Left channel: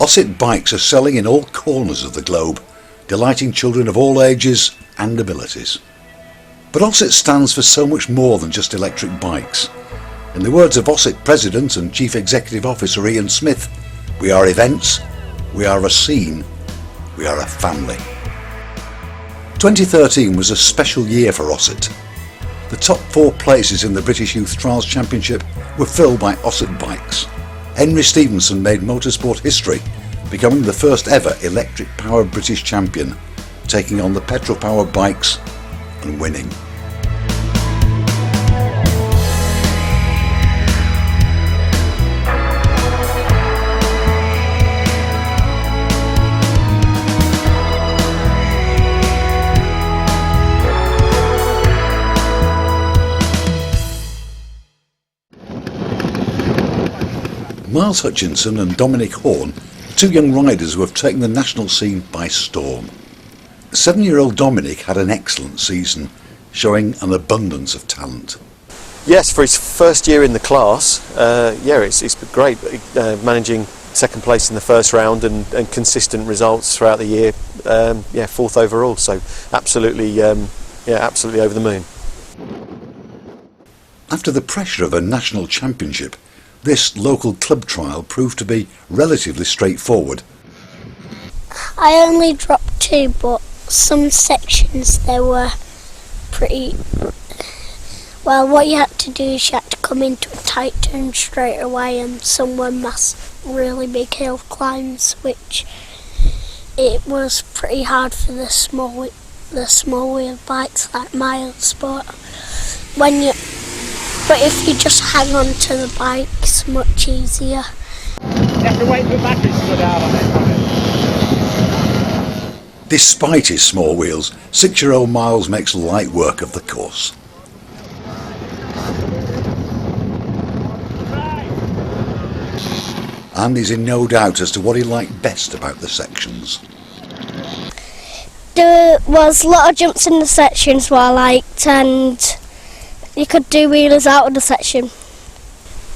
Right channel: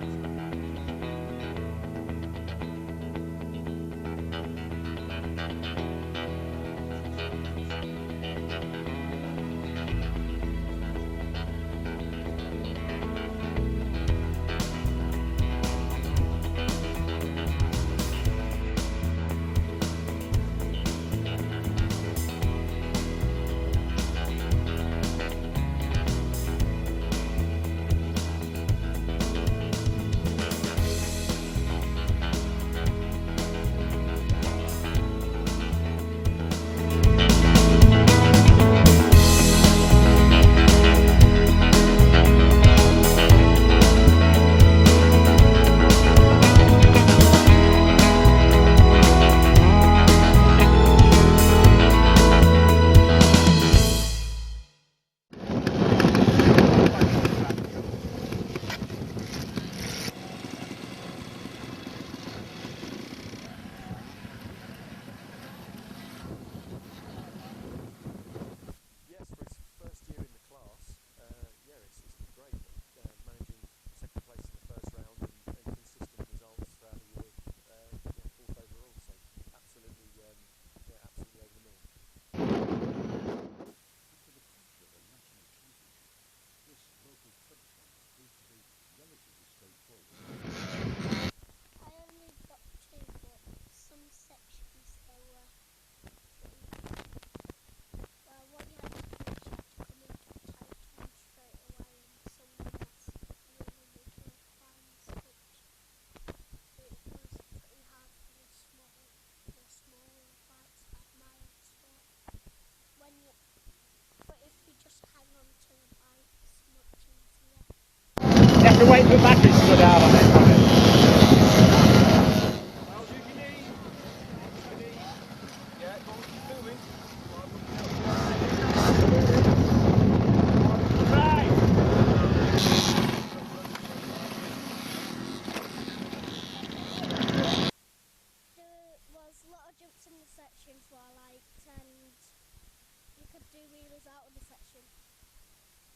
OSET Bikes are selling in all corners of the globe, delighting children of all ages and abilities. But OSET stands for so much more than just electric bikes. In the words of OSET President and Chief Executive Officer Ian Smith, we are events, we are a scene, we are a family. 2013 was a special year for OSET. The top 4 places in the British Youth Trials Championship were filled by OSET Bikes. Henry Stevenson made motorsport history, becoming the first ever electric-powered British champion, taking on the petrol-powered bikes and winning. Myles Hutchinson and Dominic Horne are 2 young riders who have taken the national scene by storm. 7-year-old Dominic had an excellent season, showing an abundance of talent. Yes, for his first year in the class, it's been great, managing second place in the first round and consistent results throughout the year. 4th overall, so absolutely over the moon. After the pressure of a national championship, this local club trial proved to be relatively straightforward. I only dropped 2, but some sections there were pretty... Well, what you had to do is you had to come into a tight turn straight away, and some were really big hill climbs, which it was pretty hard for the small wheel bikes like Myles, but if you just hang on to the bike, it's much easier. You have to wait for batteries to go down on it. Despite his small wheels, 6-year-old Myles makes light work of the course. And he's in no doubt as to what he liked best about the sections. There was a lot of jumps in the sections what I liked, and you could do wheelers out of the section.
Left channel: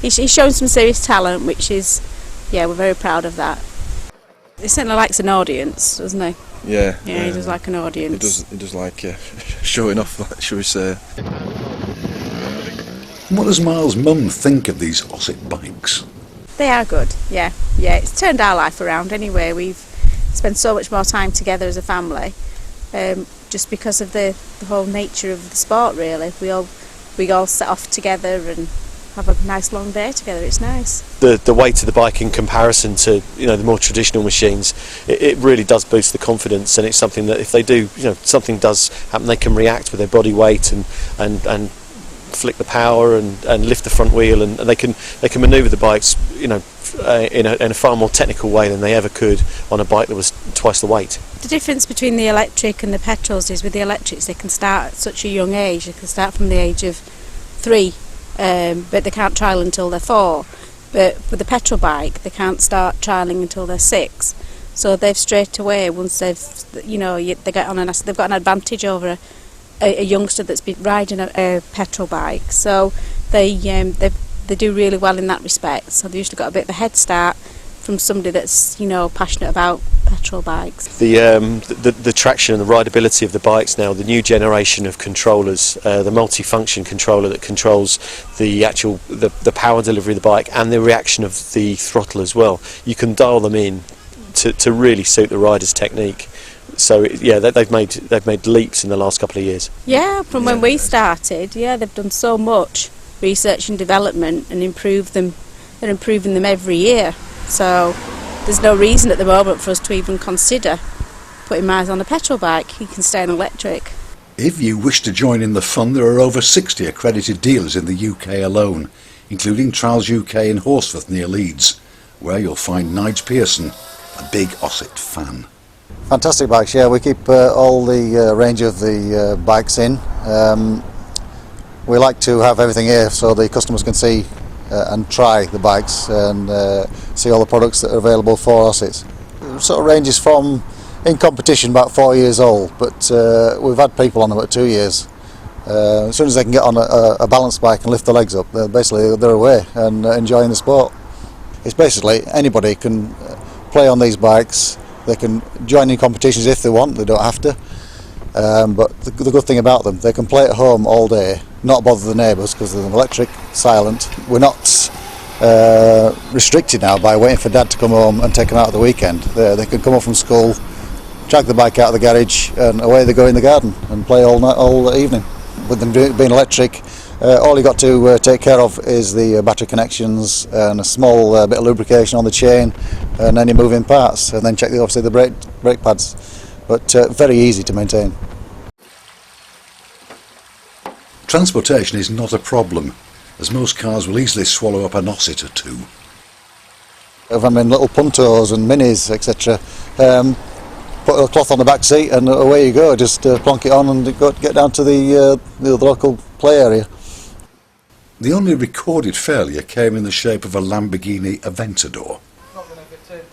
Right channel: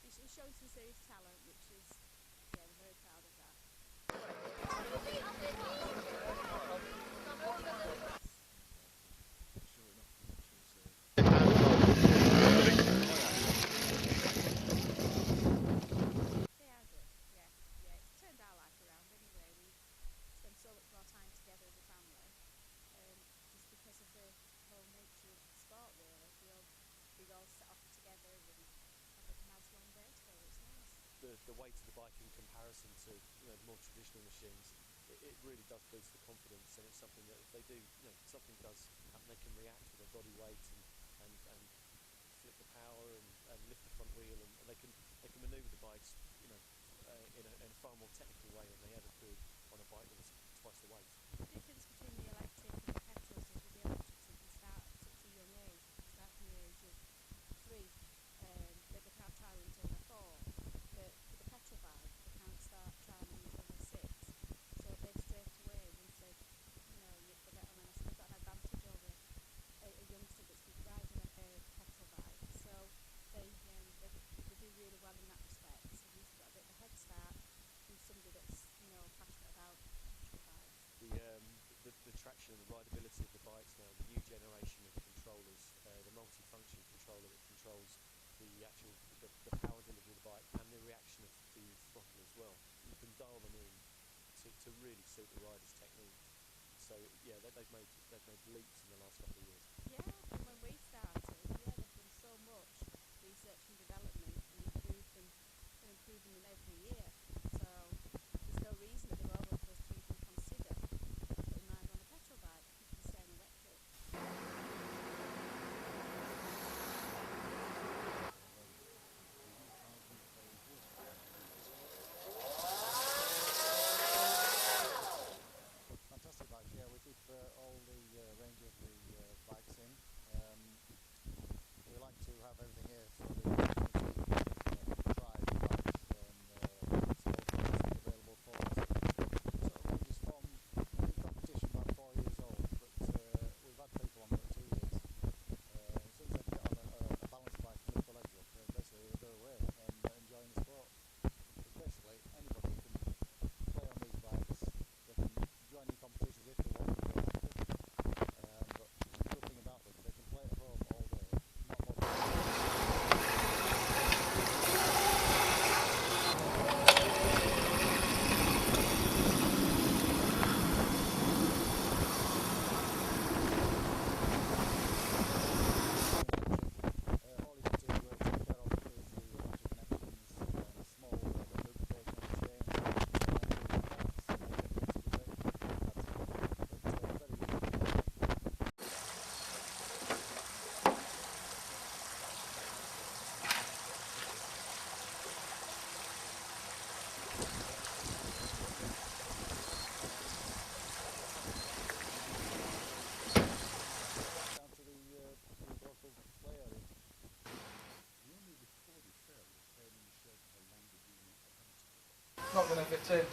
He's shown some serious talent, which is, we're very proud of that. He certainly likes an audience, doesn't he? Yeah. Yeah, he does like an audience. He does like showing off, shall we say. What does Myles' mum think of these OSET bikes? They are good, yeah. It's turned our life around anyway. We've spent so much more time together as a family, just because of the whole nature of the sport, really. We all set off together and have a nice long day together. It's nice. The weight of the bike in comparison to the more traditional machines, it really does boost the confidence, and it's something that if they do, something does happen, they can react with their body weight and flick the power and lift the front wheel, and they can manoeuvre the bikes in a far more technical way than they ever could on a bike that was twice the weight. The difference between the electric and the petrols is with the electrics they can start at such a young age. They can start from the age of 3, but they can't trial until they're 4. But with the petrol bike they can't start trialling until they're 6. So they've straight away, once they've they've got an advantage over a youngster that's been riding a petrol bike. So they do really well in that respect. So they've usually got a bit of a head start from somebody that's passionate about petrol bikes. The traction and the rideability of the bikes now, the new generation of controllers, the multi-function controller that controls the power delivery of the bike and the reaction of the throttle as well. You can dial them in to really suit the rider's technique. So they've made leaps in the last couple of years. Yeah, from when we started, they've done so much research and development and improved them. They're improving them every year. So there's no reason at the moment for us to even consider putting Myles on a petrol bike. He can stay on electric. If you wish to join in the fun, there are over 60 accredited dealers in the UK alone, including Trials UK in Horsforth near Leeds, where you'll find Nige Pearson, a big OSET fan. Fantastic bikes, we keep all the range of the bikes in. We like to have everything here so the customers can see and try the bikes and see all the products that are available for us. It sort of ranges from, in competition, about 4 years old, but we've had people on them at 2 years. As soon as they can get on a balance bike and lift the legs up, they're away and enjoying the sport. It's basically anybody can play on these bikes. They can join in competitions if they want, they don't have to. But the good thing about them, they can play at home all day, not bother the neighbours because they're electric, silent. We're not restricted now by waiting for Dad to come home and take them out at the weekend. They can come up from school, drag the bike out of the garage, and away they go in the garden and play all night, all evening. With them being electric, all you've got to take care of is the battery connections and a small bit of lubrication on the chain and any moving parts, and then check obviously the brake pads. But very easy to maintain. Transportation is not a problem, as most cars will easily swallow up an OSET or two. I mean, little puntos and minis, etc. Put a cloth on the back seat and away you go. Just plonk it on and get down to the local play area. The only recorded failure came in the shape of a Lamborghini Aventador. Not going to fit in.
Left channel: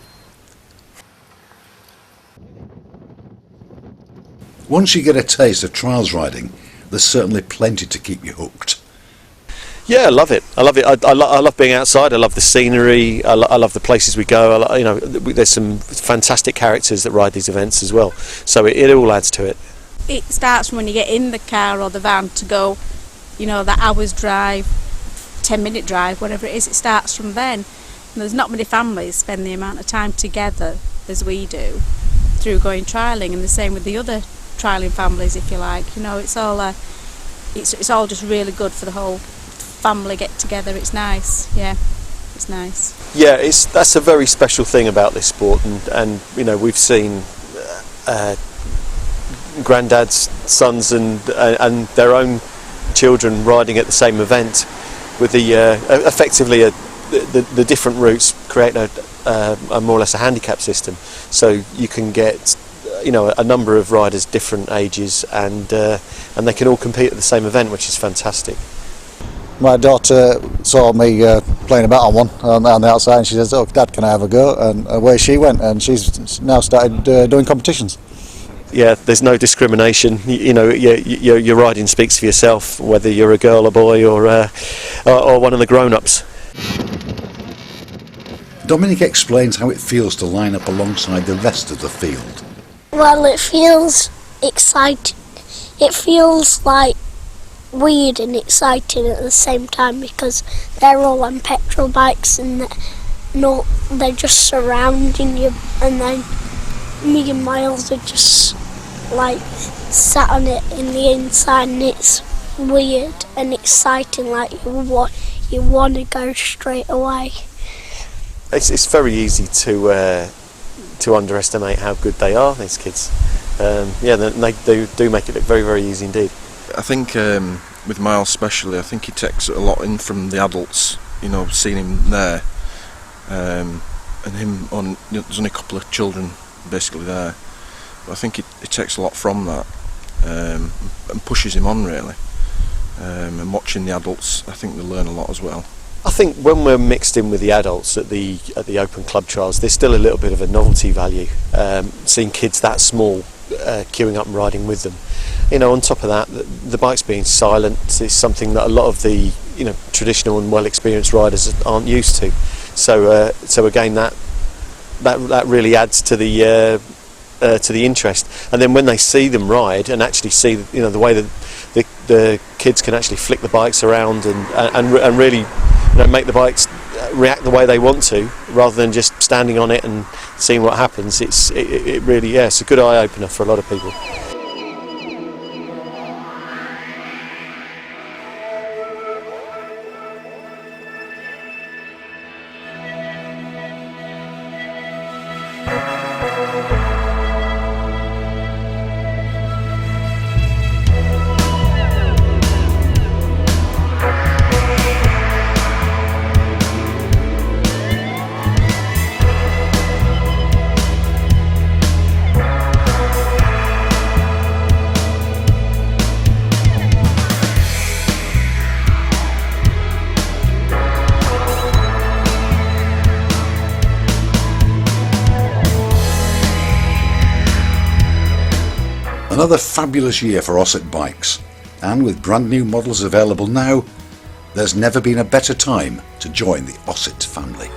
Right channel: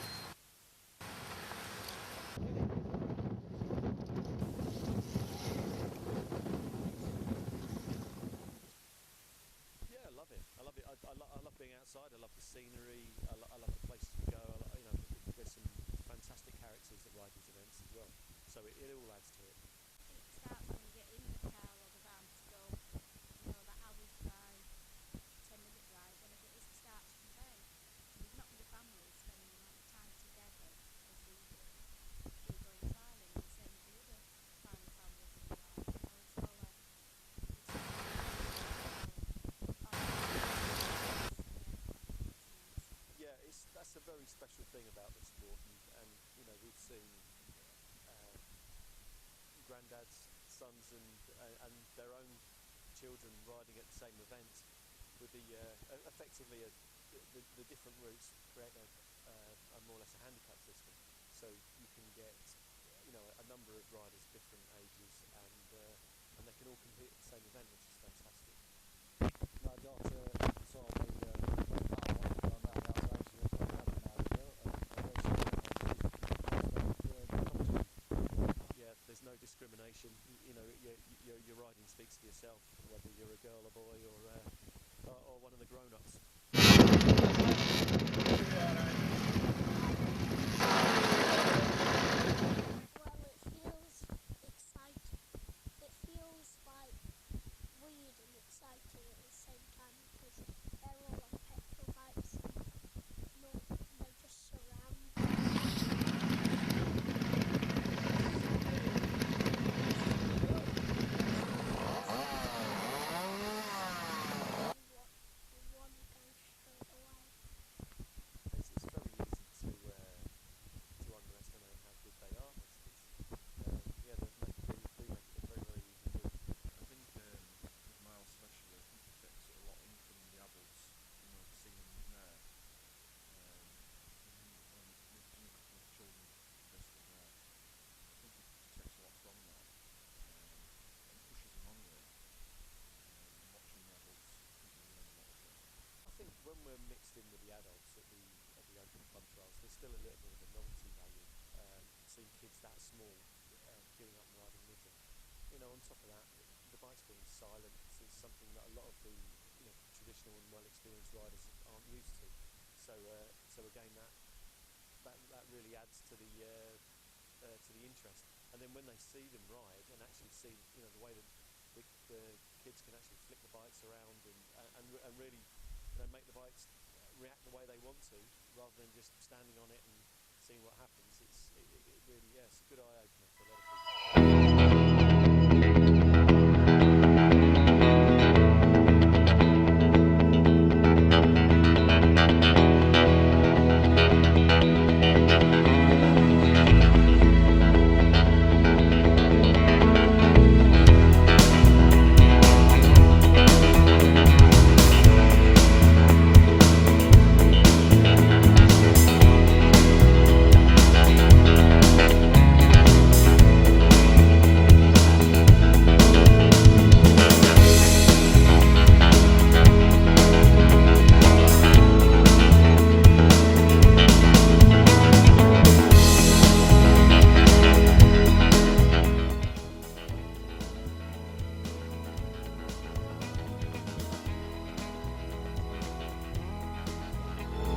Once you get a taste of trials riding, there's certainly plenty to keep you hooked. Yeah, I love it. I love it. I love being outside. I love the scenery. I love the places we go. There's some fantastic characters that ride these events as well. So it all adds to it. It starts from when you get in the car or the van to go, that hour's drive, 10-minute drive, whatever it is. It starts from then. And there's not many families spend the amount of time together as we do through going trialling, and the same with the other trialling families, if you like. It's all just really good for the whole family get together. It's nice. Yeah, it's nice. Yeah, that's a very special thing about this sport, and we've seen granddads, sons, and their own children riding at the same event, with the effectively the different routes create a more or less a handicap system, so you can get a number of riders different ages, and they can all compete at the same event, which is fantastic. My daughter saw me playing about on one on the outside, and she says, "Oh, Dad, can I have a go?" And away she went, and she's now started doing competitions. Yeah, there's no discrimination. Your riding speaks for yourself, whether you're a girl, a boy, or one of the grown-ups. Dominic explains how it feels to line up alongside the rest of the field. Well, it feels exciting. It feels like weird and exciting at the same time because they're all on petrol bikes and they're just surrounding you, and then me and Myles are just like sat on it in the inside, and it's weird and exciting, like you want to go straight away. It's very easy to underestimate how good they are, these kids. They do make it look very, very easy indeed. I think with Myles especially, I think he takes a lot in from the adults, seeing him there, and him on, there's only a couple of children basically there, but I think it takes a lot from that, and pushes him on really, and watching the adults, I think they learn a lot as well. I think when we're mixed in with the adults at the open club trials, there's still a little bit of a novelty value, seeing kids that small queuing up and riding with them. On top of that, the bikes being silent is something that a lot of the traditional and well experienced riders aren't used to. So again, that really adds to the interest. And then when they see them ride and actually see the way that the kids can actually flick the bikes around and really make the bikes react the way they want to, rather than just standing on it and seeing what happens, it really it's a good eye opener for a lot of people. Another fabulous year for OSET Bikes, and with brand new models available now, there's never been a better time to join the OSET family.